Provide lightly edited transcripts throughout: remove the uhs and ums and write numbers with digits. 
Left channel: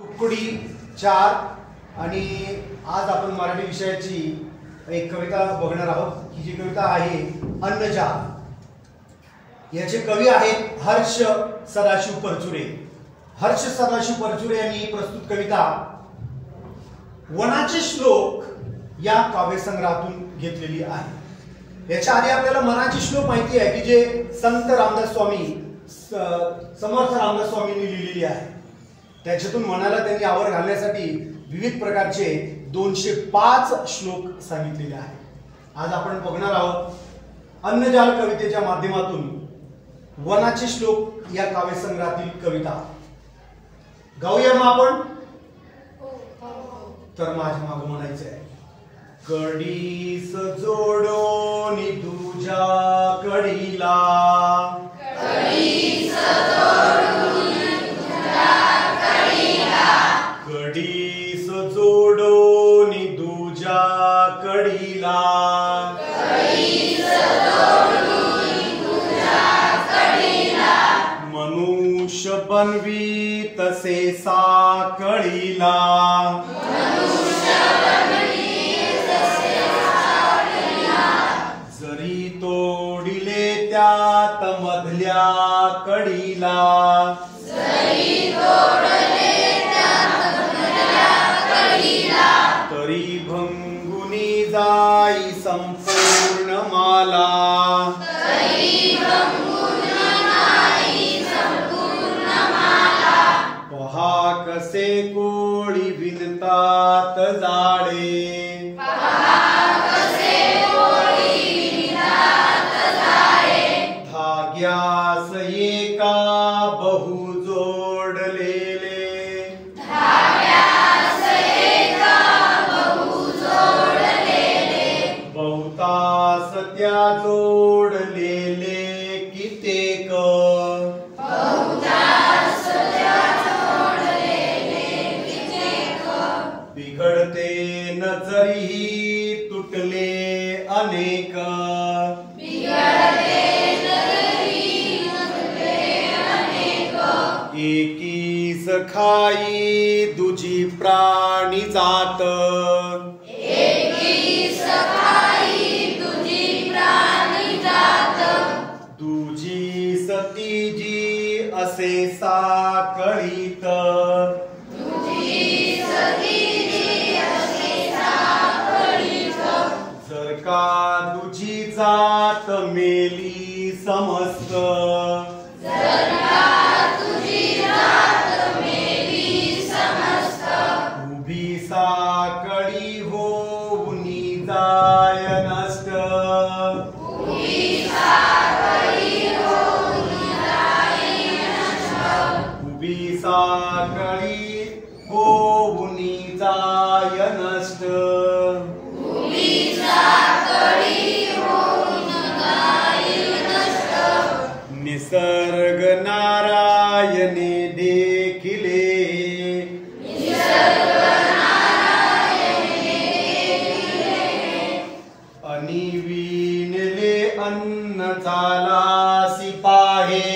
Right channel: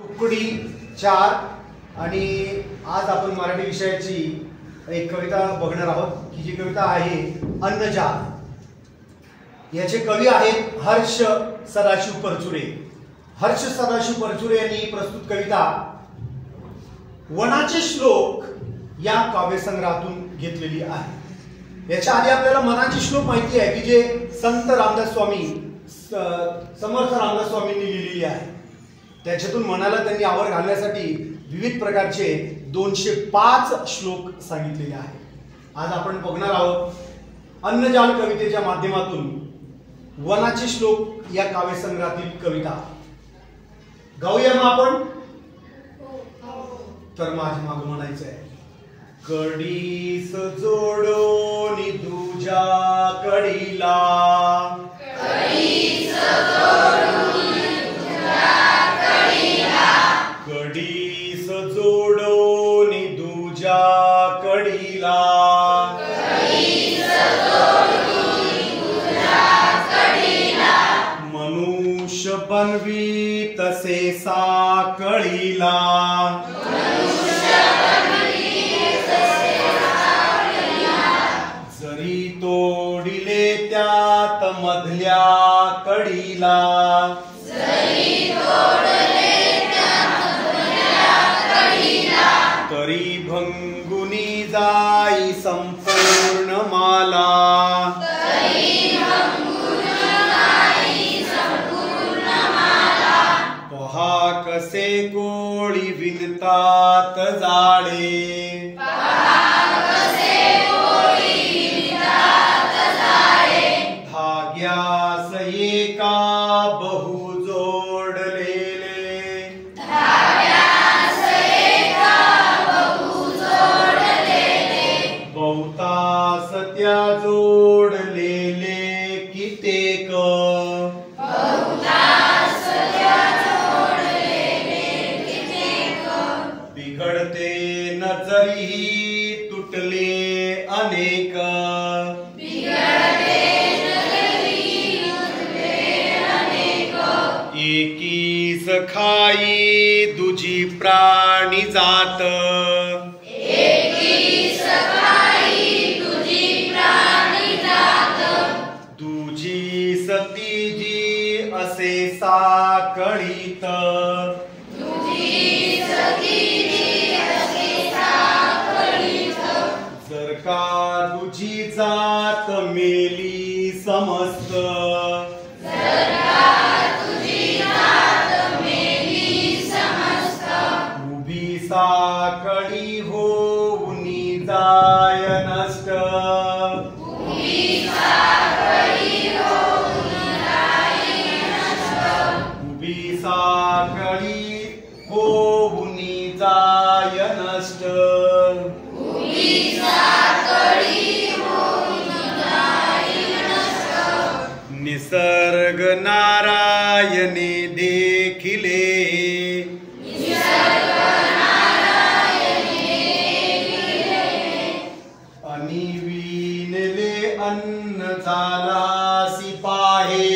तुकडी 4 आणि आज आपण मराठी विषयाची एक कविता बघणार आहोत की जी कविता आहे अन्नजाल। याचे कवी आहेत हर्ष सदाशिव परचुरे। हर्ष सदाशिव परचुरे यांनी प्रस्तुत कविता वनाचे श्लोक या काव्यसंग्रहातून घेतलेली आहे। याच्या आधी आपल्याला मनाचे श्लोक माहिती आहे की जे संत रामदास स्वामी समर्थ रामदास स्वामींनी लिहिलेली आहे। त्याच्यातून मनाला त्यांनी आवर घालण्यासाठी विविध प्रकारचे 205 श्लोक सांगितलेले आहेत। आज आपण बघणार आहोत अन्नजाल कवितेच्या माध्यमातून वनाचे श्लोक या काव्यसंग्रहातील कविता। गाऊया मग आपण? तर माझ्या मागे म्हणायचं आहे कडीस जोडोनी तुझ्या कडीला, कडीस जोडोनी तुझ्या कडीला, मनुष्य बनवी तसे साकळीला, जरी तोडिले त्यात मधल्या कडीला, तरी भंगुनी जाई संपूर्ण माला, पहा कसे कोळी विणतात जाळे, धाग्यास एका बहु जोडलेले, बहुतास त्या जोडलेले कित्येक, बिघडते नजरी तुटले अनेक, एकीस खाई दुजी प्राणी जात, दुजी सतीजी असे साकळीत, जर का तुझी जात मेली समस्त, उभी साकळी होऊनी जाय नष्ट, उभी साकळी होऊनी जाय नष्ट, निसर्ग नारायणे देखिले, आणि विणले अन्न झालासी पाहे,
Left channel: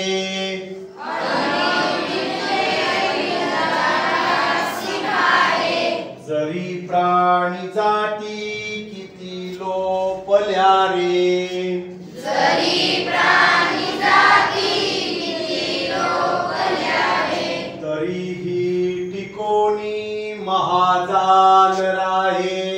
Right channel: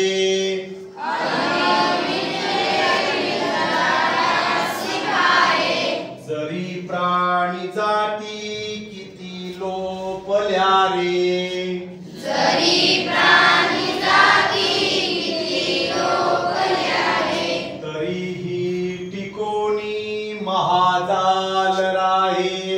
जरी प्राणी जाती किती लोपल्या रे, तरीही टिकोनी महाजाल राहे,